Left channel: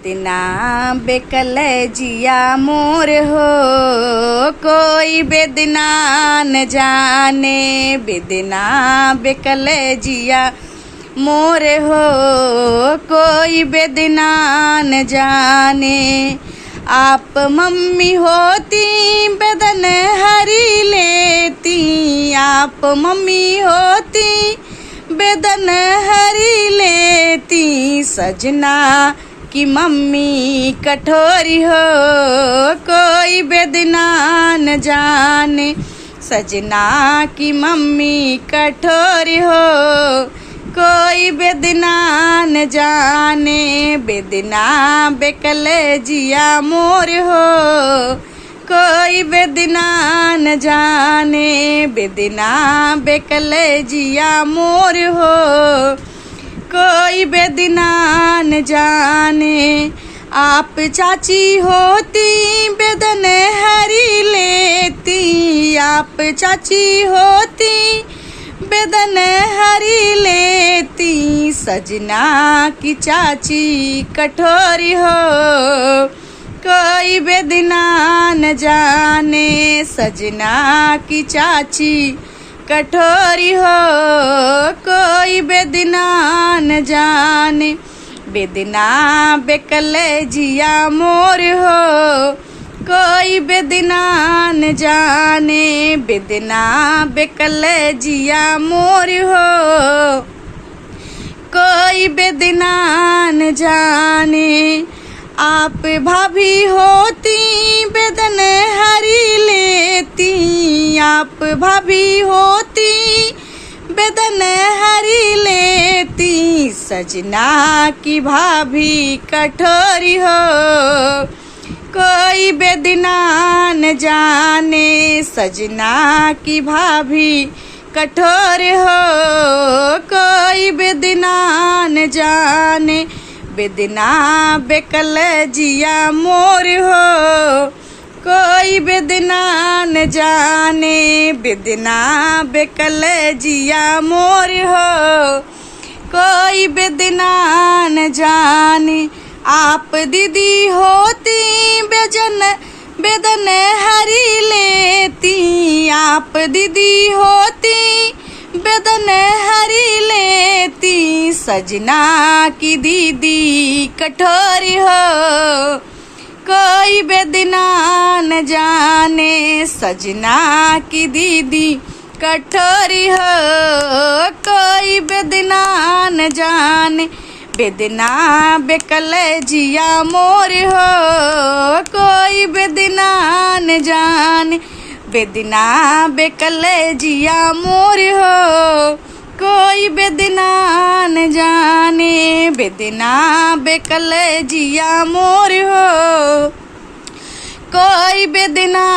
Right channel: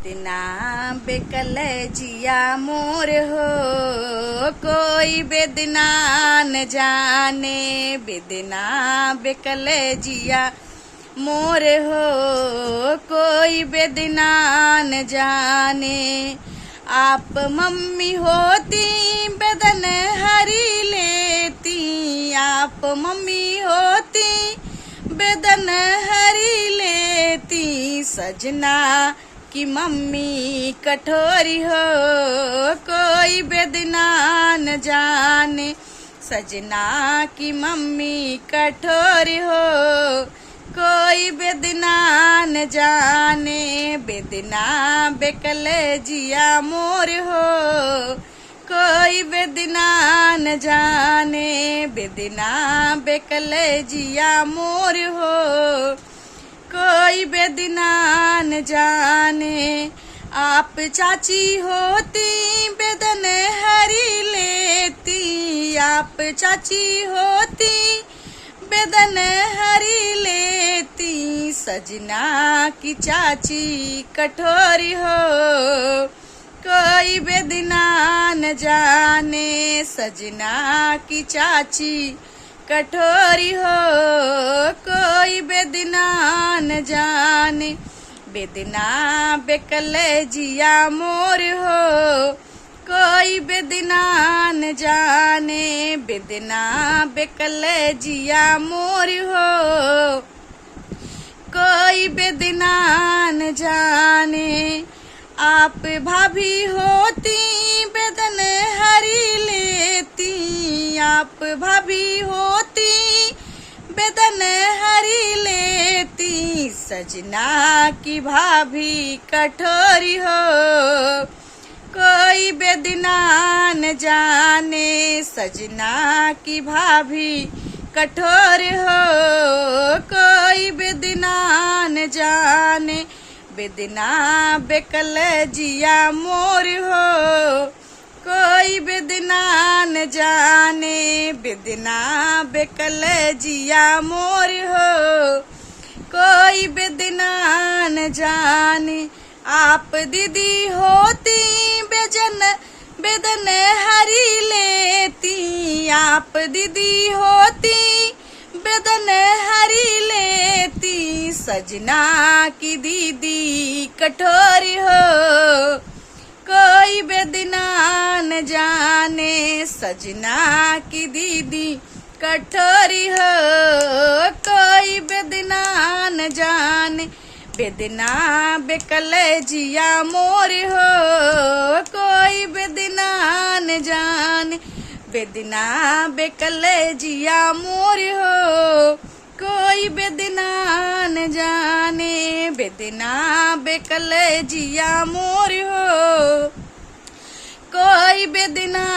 इतना बेकल जिया मोर हो, कोई बेदना न जाने। बेदना बेकल जिया मोर हो, कोई बेदना न जाने। आप मम्मी होती बदन हरी लेती, आप मम्मी होती बदन हरी लेती। सजना कि मम्मी कठोरी हो, कोई बेदना न जाने। सजना की मम्मी कठोरी हो, कोई बेदना न जाने। बेदना बेकल जिया मोर हो, कोई बेदना न जाने। बेदना बेकल जिया मोर हो, कोई बेदना न जाने। आप चाची होती बेदन हरी लेती, आप चाची होती बेदन हरी लेती। सजना की चाची कठोरी हो, कोई बेदना न जाने। सजना की चाची कठोरी हो, कोई बेदना न जाने। बेदना बेकल जिया मोर हो, कोई बेदना न जाने। बेदना बेकल जिया मोर हो, कोई बेदना न जाने। आप भाभी होती बेदन हरी लेती, आप भाभी होती बेदन हरी लेती। सजना की भाभी कठोरी हो, कोई बेदना न जाने। सजना की भाभी कठोर हो, कोई बेदना न जाने। बेदना बेकल जिया मोर हो, कोई बेदना न जाने। बेदना बेकल जिया मोर हो, कोई बेदना न जाने। आप दीदी होती बेदन हरी लेती, आप दीदी होती बेदन हरी लेती। सजना की दीदी कठोरी हो, कोई बेदना न जाने। सजना की दीदी कठोरी हो, कोई बेदना न जाने। बेदना बेकल जिया मोर हो, कोई बेदना न जाने। बेदना बेकल जिया मोर हो, कोई बेदना न जाने। बेदना बेकल जिया मोर हो, कोई बेदना